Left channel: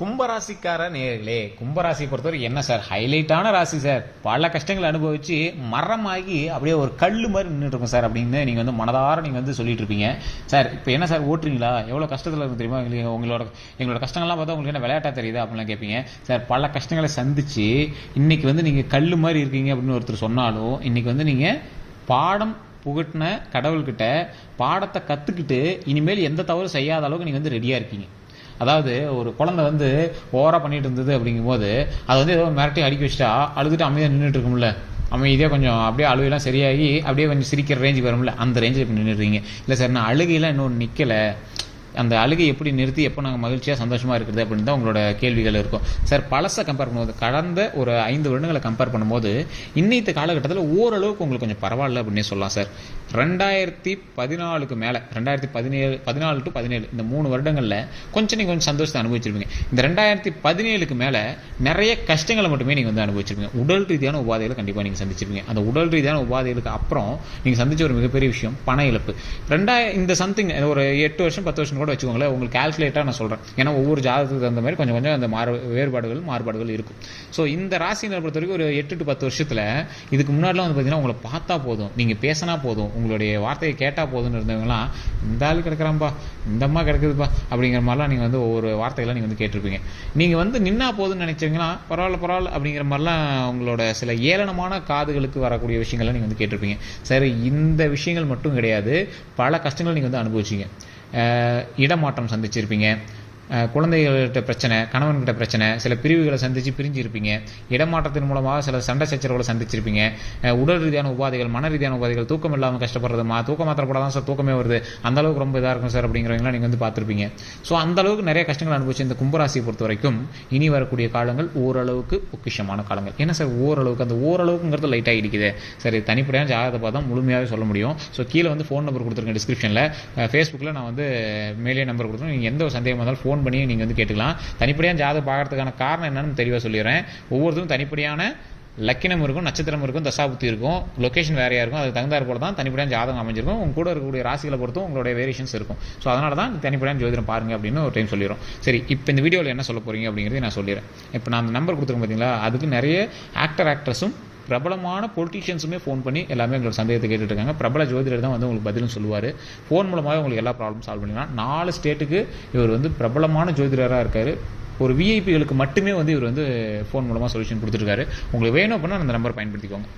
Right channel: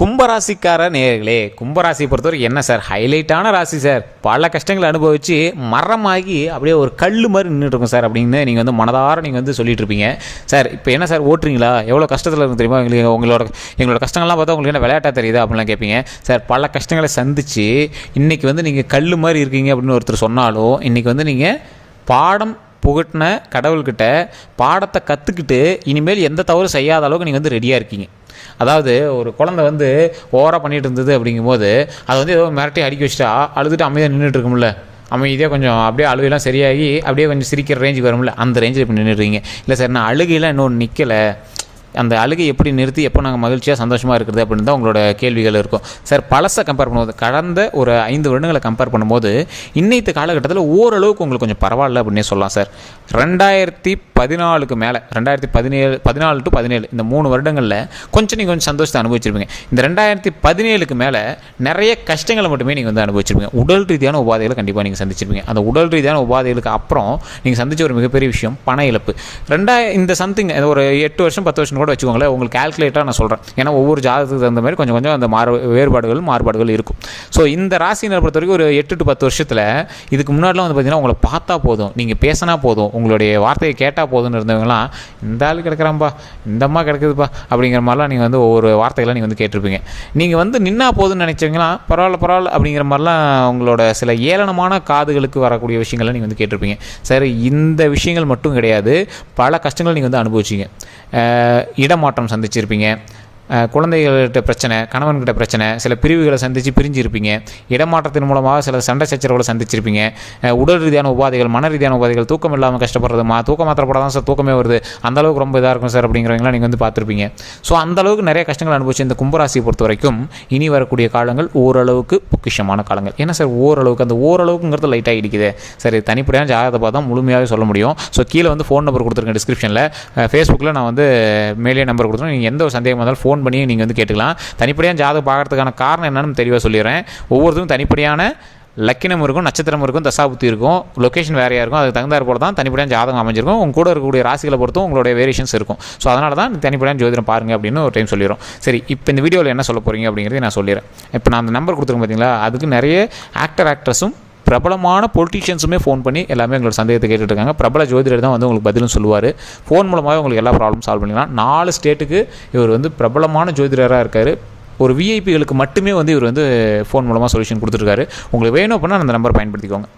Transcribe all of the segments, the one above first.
கும்பராசிக்கார நேர்களே கும்பராசி பொறுத்தவரைக்கும் என்ன சார் ஹைலைட்டான ராசி சார் பல கஷ்டங்களை அனுபவித்து மரமாகி அப்படியே ஒரு கல் மாதிரி நின்றுட்டு இருக்கும் சார் அப்படின்னு நீங்கள் வந்து மனதார நீங்கள் வந்து சொல்லிட்டு இருப்பீங்க சார் இப்போ என்ன சார் ஓட்டுறீங்களா எவ்வளோ கஷ்டத்தில் இருக்கும் தெரியுமா எங்களுக்கு உங்களோட எங்களோட கஷ்டங்கள்லாம் பார்த்தா உங்களுக்கு என்ன விளையாட்டாக தெரியுதா அப்படின்லாம் கேட்பீங்க சார் பல கஷ்டங்களை சந்தித்து இன்றைக்கி வந்து நீங்கள் கல் மாதிரி இருக்கீங்க அப்படின்னு ஒருத்தர் சொன்னாலும் இன்றைக்கி வந்து நீங்கள் பாடம் புகட்டின கடவுள்கிட்ட பாடத்தை கற்றுக்கிட்டு இனிமேல் எந்த தவறும் செய்யாத அளவுக்கு நீங்கள் வந்து ரெடியாக இருக்கீங்க அதாவது ஒரு குழந்தை வந்து ஓவராக பண்ணிகிட்டு இருந்தது அப்படிங்கும்போது அதை வந்து ஏதோ மிரட்டி அடிக்க வச்சுட்டா அழுதுட்டு அமைதியாக நின்றுட்டு இருக்கும்ல அமைதியாக கொஞ்சம் அப்படியே அழுகையெல்லாம் சரியாகி அப்படியே கொஞ்சம் சிரிக்கிற ரேஞ்சுக்கு வரும்ல அந்த ரேஞ்சில் இப்போ நின்றுடுறீங்க இல்லை சார் நான் அழுகையெல்லாம் இன்னொன்று நிற்கலை அந்த அழுகை எப்படி நிறுத்தி எப்போ நாங்கள் மகிழ்ச்சியாக சந்தோஷமாக இருக்கிறது அப்படின்னு தான் உங்களோட கேள்விகள் இருக்கும் சார் பழசை கம்பேர் பண்ணும்போது கடந்த ஒரு ஐந்து வருடங்களை கம்பேர் பண்ணும்போது இன்னைத்து காலகட்டத்தில் ஓரளவுக்கு உங்களுக்கு கொஞ்சம் பரவாயில்ல அப்படின்னே சொல்லலாம் சார் ரெண்டாயிரத்தி பதினாலுக்கு மேலே ரெண்டாயிரத்தி பதினேழு பதினாலு டு பதினேழு இந்த மூணு வருடங்களில் கொஞ்சம் நீங்கள் கொஞ்சம் சந்தோஷத்தை அனுபவிச்சிருப்பீங்க இந்த ரெண்டாயிரத்தி பதினேழுக்கு மேலே நிறைய கஷ்டங்களை மட்டுமே நீங்கள் வந்து அனுபவிச்சிருப்பீங்க உடல் ரீதியான உபாதைகளை கண்டிப்பாக நீங்கள் சந்திச்சிருப்பீங்க அந்த உடல் ரீதியான உபாதைகளுக்கு அப்புறம் நீங்கள் சந்திச்ச ஒரு மிகப்பெரிய விஷயம் பண இழப்பு ரெண்டாய இந்த சம்திங் ஒரு எட்டு வருஷம் பத்து வருஷம் கூட வச்சுக்கோங்களேன் உங்களுக்கு கால்குலேட்டாக நான் சொல்கிறேன் ஏன்னா ஒவ்வொரு ஜாதகத்துக்கு தகுந்த மாதிரி கொஞ்சம் கொஞ்சம் அந்த மாறு வேறுபாடுகள் மாறுபாடுகள் இருக்கும் ஸோ இந்த ராசியினரை பொறுத்த வரைக்கும் ஒரு எட்டு டு பத்து வருஷத்தில் இதுக்கு முன்னாடிலாம் வந்து பார்த்தீங்கன்னா உங்களை பார்த்தா போதும் நீங்கள் பேசினா போதும் உங்களுடைய வார்த்தையை கேட்டால் போதுன்னு இருந்தவங்களாம் இந்த ஆள் கிடக்கிறாம்பா இந்த அம்மா கிடக்குதுப்பா அப்படிங்கிற மாதிரிலாம் நீங்கள் வந்து ஒவ்வொரு வார்த்தைகளாக நீங்கள் வந்து கேட்டிருப்பீங்க நீங்கள் வந்து நின்னா போதுன்னு நினச்சவங்களாம் பரவாயில்ல பரவாயில்ல அப்படிங்கிற மாதிரிலாம் உங்களோட சில ஏளனமான காதுகளுக்கு வரக்கூடிய விஷயங்கள்லாம் நீங்கள் வந்து கேட்டிருப்பீங்க சரி இந்த விஷயங்கள் மட்டும் கிடையாது பல கஷ்டங்கள் நீங்கள் வந்து அனுபவிச்சிங்க இடமாற்றம் சந்திச்சிருப்பீங்க குழந்தைகள்கிட்ட பிரச்சனை கணவன்கிட்ட பிரச்சனை சில பிரிவுகளை சந்தித்து பிரிஞ்சிருப்பீங்க இடமாற்றத்தின் மூலமாக சில சண்டை சச்சரவுகளை சந்திச்சிருப்பீங்க உடல் ரீதியான உபாதைகள் மன ரீதியான உபாதைகள் தூக்கம் இல்லாமல் கஷ்டப்படுறதுமா தூக்கம் மாத்திர சார் தூக்கமே வருது அந்தளவுக்கு ரொம்ப இதாக இருக்கும் சார் அப்படிங்கிறவங்களாம் நீங்கள் வந்து பார்த்துருப்பீங்க ஸோ அந்தளவுக்கு நிறைய கஷ்டங்கள் அனுபவிச்சு இந்த கும்பராசியை பொறுத்த வரைக்கும் இனி வரக்கூடிய காலங்கள் ஓரளவுக்கு பொக்கிஷமான காலங்கள் ஏன்னா சார் ஓரளவுக்கு அந்த ஓரளவுக்குங்கிறது லைட்டாக இடிக்குது சரி தனிப்படையான ஜாதகத்தை பார்த்தா முழுமையாக சொல்ல முடியும் ஸோ கீழே வந்து ஃபோன் நம்பர் கொடுத்துருக்கேன் டிஸ்கிரிப்ஷனில் ஃபேஸ்புக்கில் நான் வந்து மேலே நம்பர் கொடுத்துருக்கேன் நீங்கள் எந்த ஒரு சந்தேகமாக இருந்தாலும் ஃபோன் ஃபோன் பண்ணி நீங்கள் வந்து கேட்டுக்கலாம் தனிப்படியாக ஜாதகம் பார்க்குறதுக்கான காரணம் என்னன்னு தெளிவாக சொல்லிடுறேன் ஒவ்வொருத்தரும் தனிப்படியான லக்கினம் இருக்கும் நட்சத்திரம் இருக்கும் தசாபுத்தி இருக்கும் லொக்கேஷன் வேறையாக இருக்கும் அதுக்கு தகுந்தாற் போல தான் தனிப்படியாக ஜாதகம் அமைஞ்சிருக்கும் உங்க கூட இருக்கக்கூடிய ராசிகளை பொறுத்தும் உங்களுடைய வேரியேஷன்ஸ் இருக்கும் ஸோ அதனால தான் தனிப்படியான ஜோதிடம் பாருங்கள் அப்படின்னு ஒரு டைம் சொல்லிடுறோம் சரி இப்போ இந்த வீடியோவில் என்ன சொல்ல போகிறீங்க அப்படிங்கிறது நான் சொல்லிடுறேன் இப்போ நான் அந்த நம்பர் கொடுத்துருக்கேன் பார்த்தீங்களா அதுக்கு நிறைய ஆக்டர் ஆக்ட்ரஸும் பிரபலமான பொலிட்டிஷியன்ஸுமே ஃபோன் பண்ணி எல்லாமே எங்களோட சந்தேகத்தை கேட்டுட்ருக்காங்க பிரபல ஜோதிடர் தான் வந்து உங்களுக்கு பதிலும் சொல்லுவார் ஃபோன் மூலமாகவே உங்களுக்கு எல்லா ப்ராப்ளம் சால்வ் பண்ணிக்கலாம் நாலு ஸ்டேட்டுக்கு இவர் வந்து பிரபலமான ஜோதிடராக இருக்கார் ஒரு விஐபிகளுக்கு மட்டுமே வந்து இவர் வந்து ஃபோன் மூலமாக சொல்யூஷன் கொடுத்துருக்காரு உங்களுக்கு வேணும் அப்படின்னா அந்த நம்பர் பயன்படுத்திக்கோங்க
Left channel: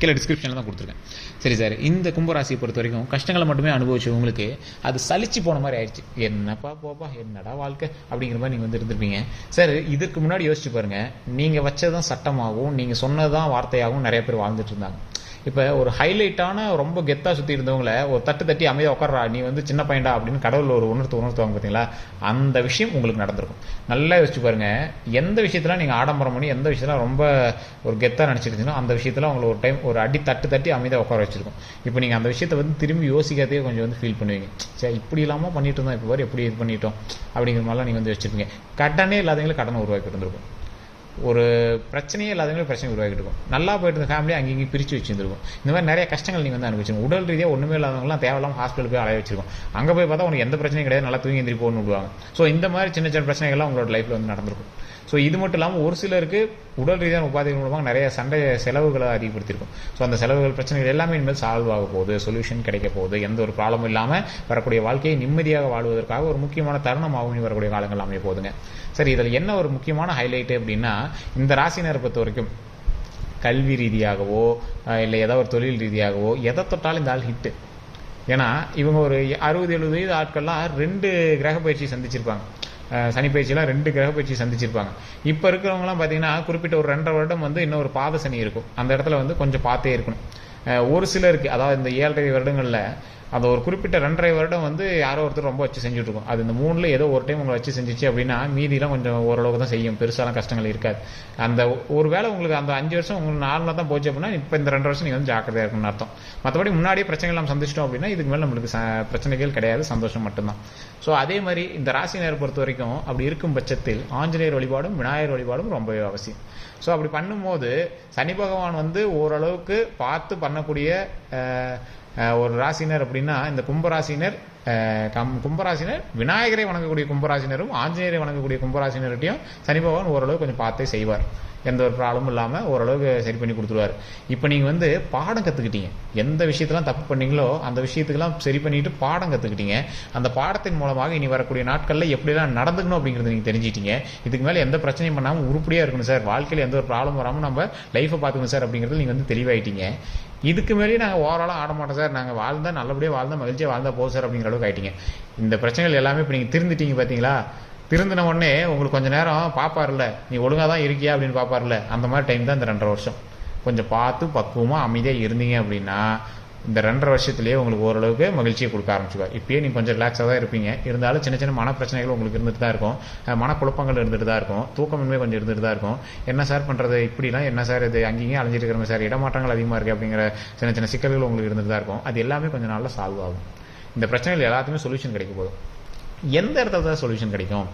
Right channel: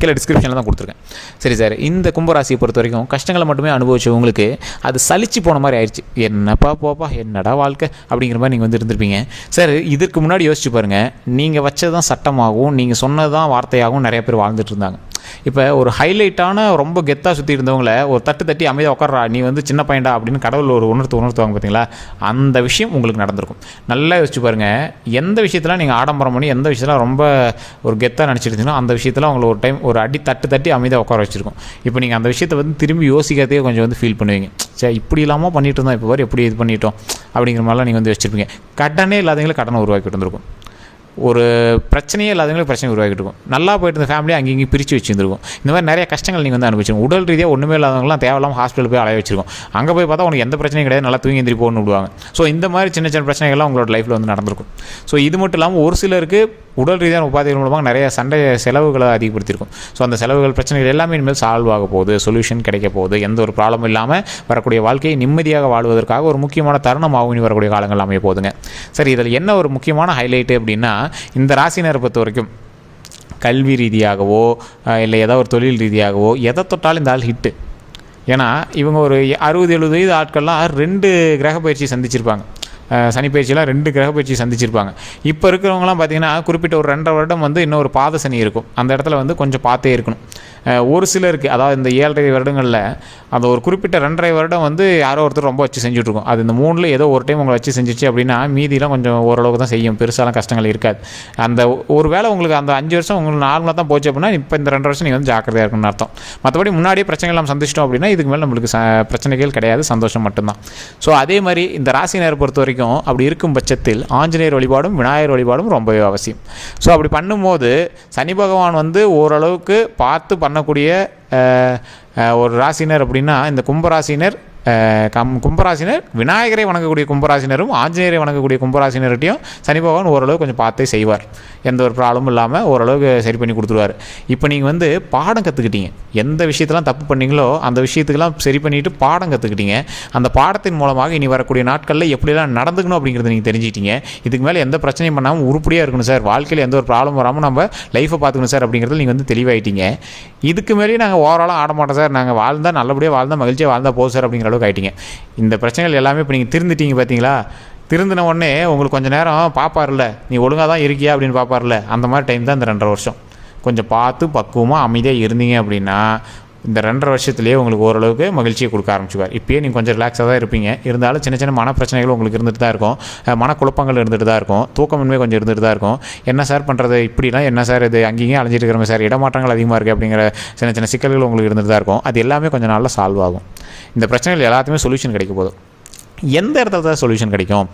கீழே டிஸ்கிரிப்ஷனில் தான் கொடுத்துருக்கேன் சரி சார் இந்த கும்பராசியை பொறுத்த வரைக்கும் கஷ்டங்களை மட்டுமே உங்களுக்கு அது சலிச்சு போன மாதிரி ஆயிடுச்சு என்னப்பா போப்பா என்னடா வாழ்க்கை அப்படிங்கிற மாதிரி நீங்கள் வந்து இருந்திருப்பீங்க சார் இதற்கு முன்னாடி யோசிச்சு பாருங்கள் நீங்கள் வச்சது தான் சட்டமாகவும் நீங்கள் சொன்னது தான் வார்த்தையாகவும் நிறைய பேர் வாழ்ந்துட்டு இருந்தாங்க இப்போ ஒரு ஹைலைட்டான ரொம்ப கெத்தாக சுற்றி இருந்தவங்கள ஒரு தட்டு தட்டி அமைதியாக உட்காரா நீ வந்து சின்ன பையன்டா அப்படின்னு கடவுள் ஒரு உணர்த்து உணர்த்துவாங்க பார்த்தீங்களா அந்த விஷயம் உங்களுக்கு நடந்திருக்கும் நல்லா யோசிச்சு பாருங்கள் எந்த விஷயத்தில் நீங்கள் ஆடம்பரம் பண்ணி எந்த விஷயத்தில் ரொம்ப ஒரு கெத்தாக நினச்சிருந்தீங்கன்னா அந்த விஷயத்தில் அவங்களை ஒரு டைம் ஒரு அடி தட்டு தட்டி அமைதியாக உட்கார வச்சுருக்கோம் இப்போ நீங்கள் அந்த விஷயத்தை வந்து திரும்பி யோசிக்கிறதே கொஞ்சம் வந்து ஃபீல் பண்ணுவீங்க சரி இப்படி இல்லாமல் பண்ணிட்டு இருந்தோம் இப்போ வரை எப்படி இது பண்ணிட்டோம் அப்படிங்கிற மாதிரிலாம் நீங்கள் வந்து வச்சுருப்பீங்க கடனே இல்லாதவங்களே கடனை உருவாக்கிட்டு இருந்திருக்கும் ஒரு பிரச்சனையே இல்லாதவங்களுக்கு பிரச்சனை உருவாக்கிட்டு இருக்கும் நல்லா போயிட்டு இருந்த ஃபேமிலியை அங்கே பிரித்து வச்சுருந்துருக்கும் இந்த மாதிரி நிறைய கஷ்டங்கள் நீங்கள் வந்து அனுப்பிச்சிருக்கோம் உடல் ரீதியாக ஒன்றுமே இல்லாதவங்களாம் தேவையில்லாமல் ஹாஸ்பிட்டல் போய் அலைய வச்சிருக்கோம் அங்கே போய் பார்த்தா உனக்கு எந்த பிரச்சனையும் கிடையாது நல்லா தூங்கி எந்திரி போகணும்னு விடுவாங்க ஸோ இந்த மாதிரி சின்ன சின்ன பிரச்சனைகள்லாம் உங்களோட லைஃப்பில் வந்து நடந்திருக்கும் ஸோ இது மட்டும் இல்லாமல் ஒரு சிலருக்கு உடல் ரீதியான உபாதைகள் மூலமாக நிறைய சண்டை செலவுகளை அதிகப்படுத்தியிருக்கும் ஸோ அந்த செலவுகள் பிரச்சனைகள் எல்லாமே இனிமேல் சால்வ் ஆக போகுது சொல்யூஷன் கிடைக்க போகுது எந்த ஒரு ப்ராப்ளமும் இல்லாமல் வரக்கூடிய வாழ்க்கையை நிம்மதியாக வாழ்வதற்காக ஒரு முக்கியமான தருணமாகவும் இனி வரக்கூடிய காலங்கள் அமைய போகுதுங்க சரி இதில் என்ன ஒரு முக்கியமான ஹைலைட்டு அப்படின்னா இந்த ராசினரை பொறுத்த வரைக்கும் கல்வி ரீதியாகவோ இல்லை ஏதோ ஒரு தொழில் ரீதியாகவோ எதை தொட்டாலும் இந்த ஆள் ஹிட்டு ஏன்னா இவங்க ஒரு அறுபது எழுபது வயது ஆட்கள்லாம் ரெண்டு கிரக பயிற்சி சந்திச்சிருப்பாங்க சனி பயிற்சியெலாம் ரெண்டு கிரக பயிற்சி சந்திச்சிருப்பாங்க இப்போ இருக்கிறவங்களாம் பார்த்திங்கன்னா குறிப்பிட்ட ஒரு ரெண்டரை வருடம் வந்து இன்னும் ஒரு பாத சனி இருக்கும் அந்த இடத்துல வந்து கொஞ்சம் பார்த்தே இருக்கணும் ஒரு சிலருக்கு அதாவது இந்த ஏழரை வருடங்களில் அந்த ஒரு குறிப்பிட்ட ரெண்டரை வருடம் வந்து யாரோ ஒருத்தர் ரொம்ப வச்சு செஞ்சுட்ருக்கோம் அது இந்த மூணில் ஏதோ ஒரு டைம் உங்களை வச்சு செஞ்சிச்சு அப்படின்னா மீதியெலாம் கொஞ்சம் ஓரளவுக்கு தான் செய்யும் பெருசாலாம் கஷ்டங்கள் இருக்காது அந்த ஒரு வேளை உங்களுக்கு அந்த அஞ்சு வருஷம் உங்களுக்கு நார்மலாக தான் போச்சு அப்படின்னா இப்போ இந்த ரெண்டு வருஷம் நீங்கள் வந்து ஜாக்கிரதையாக இருக்குன்னு அர்த்தம் மற்றபடி முன்னாடியே பிரச்சனைகள் நம்ம சந்திச்சிட்டோம் அப்படின்னா இதுக்கு மேலே நம்மளுக்கு பிரச்சனைகள் கிடையாது சந்தோஷம் மட்டும்தான் ஸோ அதே மாதிரி இந்த நேரம் பொறுத்த வரைக்கும் அப்படி இருக்கும் பட்சத்தில் ஆஞ்சநேயர் வழிபாடும் விநாயகர் வழிபாடும் ரொம்பவே அவசியம் ஸோ அப்படி பண்ணும்போது சனி பகவான் வந்து ஓரளவுக்கு பார்த்து பண்ணக்கூடிய ஒரு ராசினர் அப்படின்னா இந்த கும்பராசினர் கம் கும்பராசினர் விநாயகரை வணங்கக்கூடிய கும்பராசினரும் ஆஞ்சநேயரை வணங்கக்கூடிய கும்பராசினர்கிட்டையும் சனி பகவான் ஓரளவு கொஞ்சம் பார்த்தே செய்வார் எந்த ஒரு ப்ராப்ளமும் இல்லாமல் ஓரளவுக்கு சரி பண்ணி கொடுத்துருவார் இப்போ நீங்கள் வந்து பாடம் கற்றுக்கிட்டீங்க எந்த விஷயத்தெல்லாம் தப்பு பண்ணீங்களோ அந்த விஷயத்துக்கெல்லாம் சரி பண்ணிவிட்டு பாடம் கற்றுக்கிட்டீங்க அந்த பாடத்தின் மூலமாக இனி வரக்கூடிய நாட்களில் எப்படிலாம் நடந்துக்கணும் அப்படிங்கிறத நீங்கள் தெரிஞ்சுக்கிட்டீங்க இதுக்கு மேலே எந்த பிரச்சனையும் பண்ணாமல் உருப்படியாக இருக்கணும் சார் வாழ்க்கையில் எந்த ஒரு ப்ராப்ளம் வராமல் நம்ம லைஃப்பை பார்த்துக்கணும் சார் அப்படிங்கிறது நீங்கள் வந்து தெளிவாயிட்டீங்க இதுக்கு மேலேயே நாங்கள் ஓவராலாக ஆட மாட்டோம் சார் நாங்கள் வாழ்ந்தால் நல்லபடியாக வாழ்ந்தால் மகிழ்ச்சியாக வாழ்ந்தால் போதும் சார் அப்படிங்கிற அளவுக்கு ஆகிட்டிங்க இந்த பிரச்சனைகள் எல்லாமே இப்போ நீங்கள் திருந்துட்டீங்க பார்த்தீங்களா திருந்தின உடனே உங்களுக்கு கொஞ்சம் நேரம் பார்ப்பார்ல நீ ஒழுங்காக தான் இருக்கியா அப்படின்னு பார்ப்பார்ல அந்த மாதிரி டைம் தான் இந்த ரெண்டரை வருஷம் கொஞ்சம் பார்த்து பக்குவமாக அமைதியாக இருந்தீங்க அப்படின்னா இந்த ரெண்டரை வருஷத்துலேயே உங்களுக்கு ஓரளவுக்கு மகிழ்ச்சியை கொடுக்க ஆரம்பிச்சுக்கார் இப்போயே நீங்கள் கொஞ்சம் ரிலாக்ஸாக தான் இருப்பீங்க இருந்தாலும் சின்ன சின்ன மன பிரச்சனைகள் உங்களுக்கு இருந்துட்டு தான் இருக்கும் மனக்குழப்பங்கள் இருந்துட்டு தான் இருக்கும் தூக்கமின்மை கொஞ்சம் இருந்துட்டு தான் இருக்கும் என்ன சார் பண்ணுறது இப்படிலாம் என்ன சார் இது அங்கேயும் அலைஞ்சிட்டு சார் இடமாற்றங்கள் அதிகமாக இருக்குது அப்படிங்கிற சின்ன சின்ன சிக்கல்கள் உங்களுக்கு இருந்துட்டு தான் இருக்கும் அது எல்லாமே கொஞ்சம் நாளில் சால்வ் ஆகும் இந்த பிரச்சனைகள் எல்லாத்துக்குமே சொல்யூஷன் கிடைக்க போதும் எந்த இடத்துல தான் சொல்யூஷன் கிடைக்கும்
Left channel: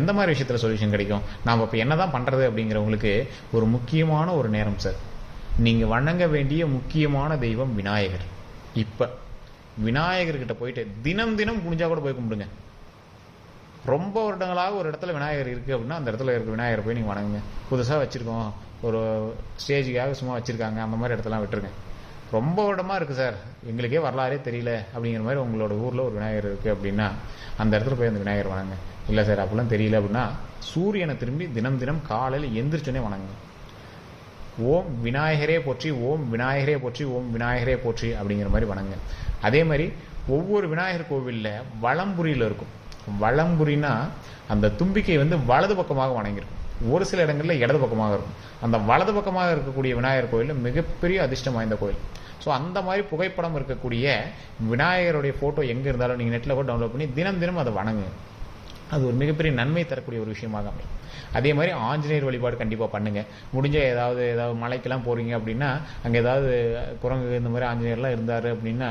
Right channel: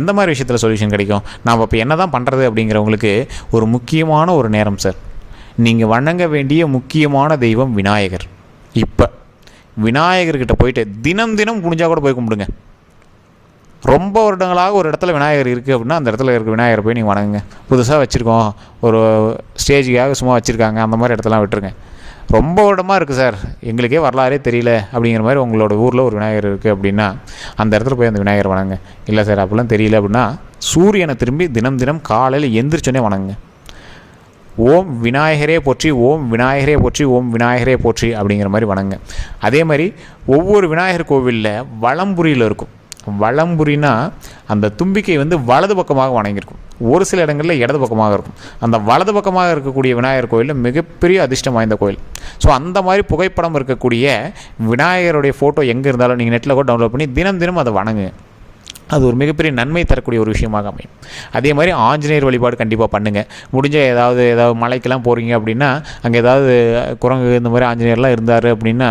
எந்த மாதிரி விஷயத்தில் சொல்யூஷன் கிடைக்கும் நாம் இப்போ என்ன தான் பண்ணுறது அப்படிங்கிறவங்களுக்கு ஒரு முக்கியமான ஒரு நேரம் சார் நீங்கள் வணங்க வேண்டிய முக்கியமான தெய்வம் விநாயகர் இப்போ விநாயகர்கிட்ட போயிட்டு தினம் தினம் புனிஞ்சா கூட போய் கும்பிடுங்க ரொம்ப வருடங்களாக ஒரு இடத்துல விநாயகர் இருக்குது அப்படின்னா அந்த இடத்துல இருக்க விநாயகர் போய் நீங்கள் வணங்குங்க புதுசாக வச்சுருக்கோம் ஒரு ஸ்டேஜுக்காக சும்மா வச்சுருக்காங்க அந்த மாதிரி இடத்தெல்லாம் விட்டுருங்க ரொம்ப வருடமாக இருக்குது சார் எங்களுக்கே வரலாறே தெரியல அப்படிங்கிற மாதிரி உங்களோட ஊரில் ஒரு விநாயகர் இருக்குது அப்படின்னா அந்த இடத்துல போய் அந்த விநாயகர் வணங்குங்க இல்லை சார் அப்படிலாம் தெரியல அப்படின்னா சூரியனை திரும்பி தினம் தினம் காலையில் எந்திரிச்சோன்னே வணங்குங்க ஓம் விநாயகரே போற்றி ஓம் விநாயகரே போற்றி ஓம் விநாயகரே போற்றி அப்படிங்கிற மாதிரி வணங்க அதே மாதிரி ஒவ்வொரு விநாயகர் கோவிலில் வளம்புரியில் இருக்கும் வளம்புரினா அந்த தும்பிக்கை வந்து வலது பக்கமாக வணங்கியிருக்கும் ஒரு சில இடங்களில் இடது பக்கமாக இருக்கும் அந்த வலது பக்கமாக இருக்கக்கூடிய விநாயகர் கோயிலில் மிகப்பெரிய அதிர்ஷ்டம் வாய்ந்த கோயில் ஸோ அந்த மாதிரி புகைப்படம் இருக்கக்கூடிய விநாயகருடைய ஃபோட்டோ எங்கே இருந்தாலும் நீங்கள் நெட்டில் கூட டவுன்லோட் பண்ணி தினம் தினம் அதை வணங்குங்க அது ஒரு மிகப்பெரிய நன்மை தரக்கூடிய ஒரு விஷயமாக அமையும் அதே மாதிரி ஆஞ்சநேயர் வழிபாடு கண்டிப்பாக பண்ணுங்கள் முடிஞ்ச ஏதாவது ஏதாவது மலைக்கெல்லாம் போகிறீங்க அப்படின்னா அங்கே ஏதாவது குரங்கு இந்த மாதிரி ஆஞ்சநேயர்லாம் இருந்தார் அப்படின்னா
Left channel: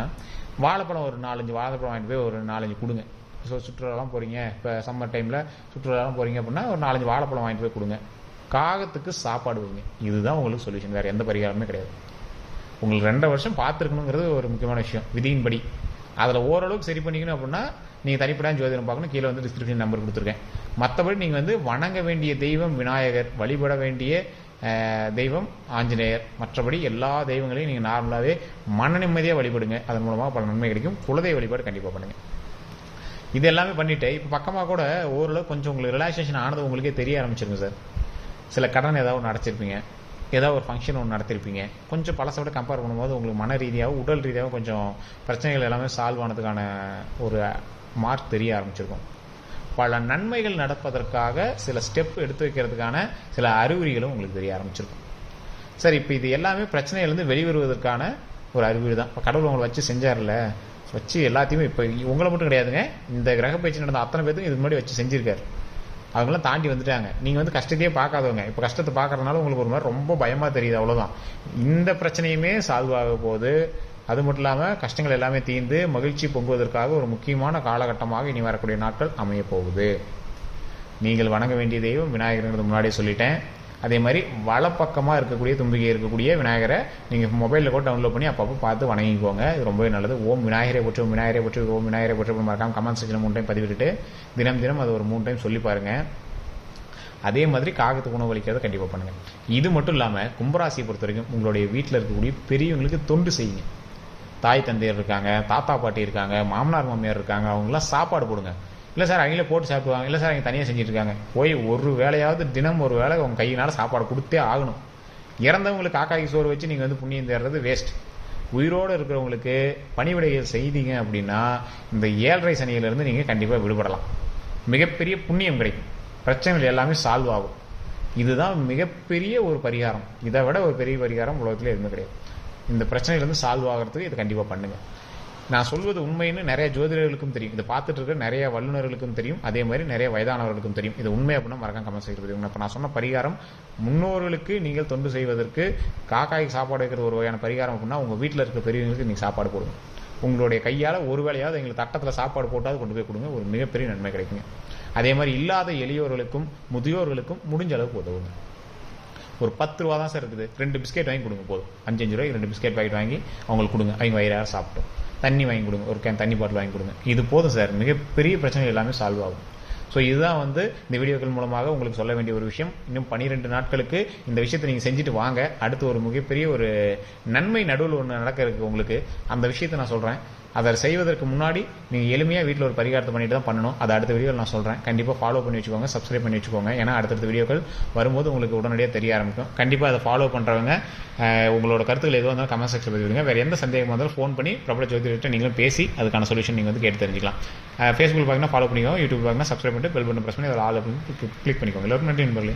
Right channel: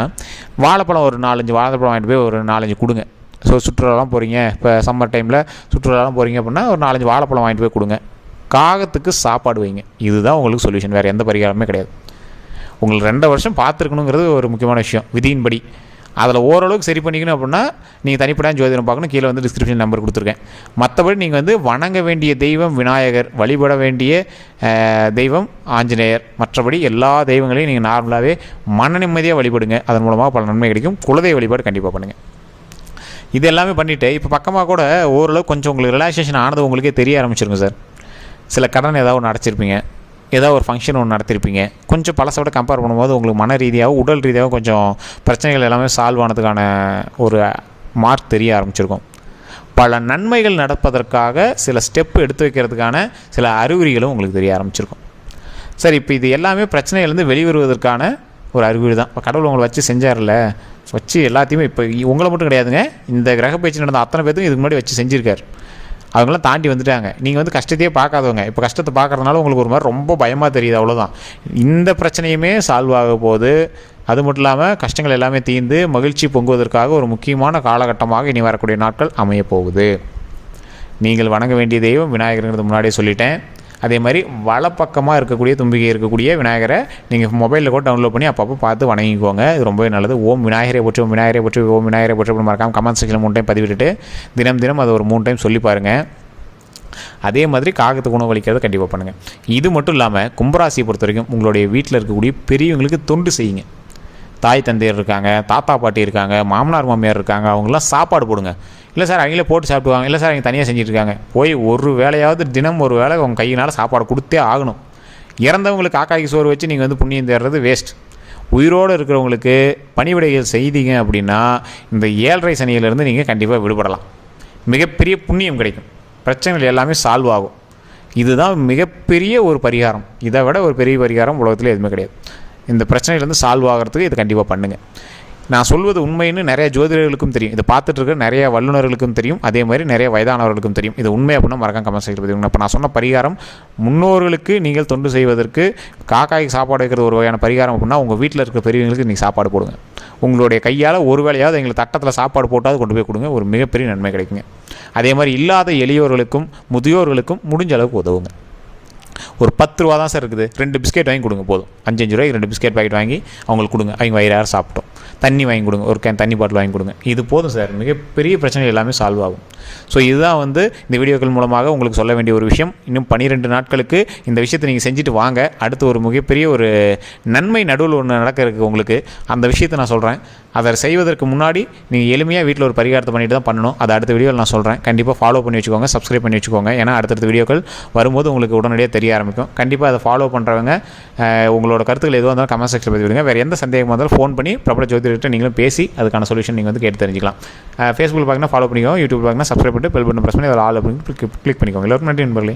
வாழைப்பழம் ஒரு நாலஞ்சு வாழைப்பழம் வாங்கிட்டு போய் ஒரு நாலஞ்சு கொடுங்க ஸோ சுற்றுலாலாம் போகிறீங்க இப்போ சம்மர் டைமில் சுற்றுலாலாம் போகிறீங்க அப்படின்னா ஒரு நாலஞ்சு வாழைப்பழம் வாங்கிட்டு போய் கொடுங்க காகத்துக்கு சாப்பாடு வைங்க இதுதான் உங்களுக்கு சொல்யூஷன் வேறு எந்த பரிகாரமே கிடையாது உங்களுக்கு ரெண்டு வருஷம் பார்த்துருக்கணுங்கிறது ஒரு முக்கியமான விஷயம் விதியின்படி அதில் ஓரளவுக்கு சரி பண்ணிக்கணும் அப்படின்னா நீங்கள் தனிப்படையான ஜோதிடம் பார்க்கணும் கீழே வந்து டிஸ்கிரிப்ஷன் நம்பர் கொடுத்துருக்கேன் மற்றபடி நீங்கள் வந்து வணங்க வேண்டிய தெய்வம் விநாயகர் வழிபட வேண்டிய தெய்வம் ஆஞ்சநேயர் மற்றபடி எல்லா தெய்வங்களையும் நீங்கள் நார்மலாகவே மன நிம்மதியாக வழிபடுங்க அதன் மூலமாக பல நன்மை கிடைக்கும் குலதெய்வ வழிபாடு கண்டிப்பாக பண்ணுங்கள் இது எல்லாமே பண்ணிவிட்டு இப்போ பக்கமாக கூட ஓரளவு கொஞ்சம் உங்களுக்கு ரிலாக்ஸேஷன் ஆனது உங்களுக்கே தெரிய ஆரம்பிச்சிருங்க சார் சில கடன் ஏதாவது ஒன்று அடைச்சிருப்பீங்க ஏதாவது ஒரு ஃபங்க்ஷன் ஒன்று நடத்திருப்பீங்க கொஞ்சம் பழசோட கம்பேர் பண்ணும்போது உங்களுக்கு மன ரீதியாக உடல் ரீதியாக கொஞ்சம் பிரச்சனைகள் எல்லாமே சால்வ் ஆனதுக்கான ஒரு மார்க் தெரிய ஆரம்பிச்சிருக்கும் பல நன்மைகள் நடப்பதற்காக சில ஸ்டெப் எடுத்து வைக்கிறதுக்கான சில அறிகுறிகளும் உங்களுக்கு தெரிய ஆரம்பிச்சிருக்கும் சரி இப்போ இது எல்லாமே பிரச்சனையிலேருந்து வெளிவருவதற்கான ஒரு அறிகுறி தான் இப்போ கடவுள் உங்களை வச்சு செஞ்சார்ல வச்சு எல்லாத்தையுமே இப்போ உங்களை மட்டும் கிடையாதுங்க இந்த கிரக பயிற்சி நடந்த அத்தனை பேர்த்தையும் இதுக்கு முன்னாடி வச்சு செஞ்சுருக்கார் அவங்களாம் தாண்டி வந்துட்டாங்க நீங்கள் வந்து கஷ்டத்தையே பார்க்காதவங்க இப்போ கஷ்டத்தை பார்க்குறதுனால உங்களுக்கு ஒரு மாதிரி ரொம்ப பயமாக தெரியுது அவ்வளோதான் இந்த பிரச்சனையுமே சால்வ் ஆக போது அது மட்டும் இல்லாமல் கஷ்டங்கள் எல்லாமே தீர்ந்து மகிழ்ச்சி பொங்குவதற்காக ஒரு முக்கியமான காலகட்டமாக இனி வரக்கூடிய நாட்கள் அமையப்போகுது நீங்கள் வணங்க வேண்டிய தெய்வம் விநாயகருங்கிறது முன்னாடியே சொல்லிட்டேன் அதே மாதிரி வலப்பக்கமாக இருக்கக்கூடிய தும்பிகை இருக்கக்கூடிய விநாயகரை நீங்கள் மொபைலில் கூட டவுன்லோட் பண்ணி அப்பப்போ பார்த்து வணங்கிக்கோங்க இது ரொம்பவே நல்லது ஓம் விநாயகரை போற்றி விநாயகரை போற்றி ஓம் விநாயகரை போற்றி மறக்காம மறக்காமல் கமெண்ட் செக்ஷனில் மூணு டைம் பதிவிட்டுட்டு தினம் தினம் அதை ஒரு மூணு டைம் சொல்லி பாருங்கள் அதே மாதிரி காகத்துக்கு அளிக்கிறது கண்டிப்பாக பண்ணுங்கள் இது மட்டும் இல்லாமல் கும்பராசியை பொறுத்த வரைக்கும் உங்களுடைய வீட்டில் இருக்கக்கூடிய பெரியவங்களுக்கு தொண்டு செய்யுங்க தாய் தந்தையர் இருக்காங்க தாத்தா பாட்டி இருக்காங்க மாமனார் மாமியார் இருக்காங்க அவங்கெல்லாம் சாப்பாடு போடுங்க இல்லை சார் அவங்களே போட்டு சாப்பிடுவாங்க இல்லை சார் அவங்க தனியாக செஞ்சுருக்காங்க போய் ஒரு வேலையாவது தினம் ஒரு வேலை அவங்க கையினால் சாப்பாடு கொடுத்தே ஆகணும் இறந்தவங்களுக்கு காக்காய்க்கு சோறு வச்சு நீங்கள் வந்து புண்ணியம் தேடுறது வேஸ்ட் உயிரோடு இருக்கிறவங்களுக்கு பணிவிடைகள் செய்தீங்க அப்படின்னா இந்த ஏழரை சனியிலேருந்து நீங்கள் கண்டிப்பாக விடுபடலாம் மிகப்பெரிய புண்ணியம் கிடைக்கும் பிரச்சனைகள் எல்லாமே சால்வ் ஆகும் இதுதான் மிகப்பெரிய ஒரு பரிகாரம் இதை விட ஒரு பெரிய பரிகாரம் உலகத்தில் எதுவுமே கிடையாது இந்த பிரச்சனையிலேருந்து சால்வ் ஆகிறதுக்கு இது கண்டிப்பாக பண்ணுங்கள் நான் சொல்வது உண்மைன்னு நிறைய ஜோதிடர்களுக்கும் தெரியும் இதை பார்த்துட்டு இருக்க நிறைய வல்லுநர்களுக்கும் தெரியும் அதே மாதிரி நிறைய வயதானவர்களுக்கும் தெரியும் இது உண்மை அப்படின்னா மறக்காம கமெண்ட் செய்கிறது இப்போ நான் சொன்ன பரிகாரம் முன்னோர்களுக்கு நீங்கள் தொண்டு செய்வதற்கு காக்காய்க்கு சாப்பாடு வைக்கிறது ஒரு வகையான பரிகாரம் அப்படின்னா உங்கள் வீட்டில் இருக்கிற பெரியவங்களுக்கு நீங்கள் சாப்பாடு போடுங்க உங்களுடைய கையால் ஒரு வேலையாவது எங்களை தட்டத்தில் சாப்பாடு போட்டாவது கொண்டு போய் கொடுங்க ஒரு மிகப்பெரிய நன்மை கிடைக்குங்க அதே மாதிரி இல்லாத எளியோர்களுக்கும் முதியோர்களுக்கும் முடிஞ்ச அளவுக்கு உதவுங்க ஒரு பத்து ரூபா தான் சார் இருக்குது ரெண்டு பிஸ்கெட் வாங்கி கொடுங்க போதும் அஞ்சஞ்சு ரூபாய்க்கு ரெண்டு பிஸ்கெட் பாக்கெட் வாங்கி அவங்களுக்கு கொடுங்க அவங்க வயிறார சாப்பிட்டோம் தண்ணி வாங்கி கொடுங்க ஒரு கேன் தண்ணி பாட்டில் வாங்கி கொடுங்க இது போதும் சார் மிகப்பெரிய பிரச்சனை எல்லாமே சால்வ் ஆகும் ஸோ இதுதான் வந்து இந்த வீடியோக்கள் மூலமாக உங்களுக்கு சொல்ல வேண்டிய ஒரு விஷயம் இன்னும் பன்னிரெண்டு நாட்களுக்கு இந்த விஷயத்தை நீங்கள் செஞ்சுட்டு வாங்க அடுத்து ஒரு மிகப்பெரிய ஒரு நன்மை நடுவில் ஒன்று நடக்க இருக்குது உங்களுக்கு அந்த விஷயத்தை நான் சொல்கிறேன் அதை செய்வதற்கு முன்னாடி நீங்கள் எளிமையாக வீட்டில் ஒரு பரிகாரத்தை பண்ணிட்டு தான் பண்ணணும் அதை அடுத்த வீடியோவில் நான் சொல்கிறேன் கண்டிப்பாக ஃபாலோ பண்ணி வச்சுக்கோங்க சப்ஸ்கிரைப் பண்ணி வச்சுக்கோங்க ஏன்னா அடுத்தடுத்த வீடியோக்கள் வரும்போது உங்களுக்கு உடனடியாக தெரிய ஆரம்பிக்கும் கண்டிப்பாக அதை ஃபாலோ பண்ணுறவங்க உங்களோட கருத்துக்கள் எதுவாக இருந்தாலும் கமெண்ட் செக்ஷன் பதிவிடுங்க வேறு எந்த சந்தேகமாக இருந்தாலும் ஃபோன் பண்ணி பிரபல ஜோதிடர்கிட்ட நீங்களும் பேசி அதுக்கான சொல்யூஷன் நீங்கள் வந்து கேட்டு தெரிஞ்சிக்கலாம் ஃபேஸ்புக் பார்க்கணும் ஃபாலோ பண்ணிக்கோங்க யூடியூப் பார்க்கணும் சப்ஸ்கிரைப் பண்ணிட்டு பெல் பட்டன் ப்ரெஸ் பண்ணி அதில் ஆல் அப்படின்னு கிளிக் பண்ணிக்கோங்க எல்லோரும் நன்றி நண்பர்களே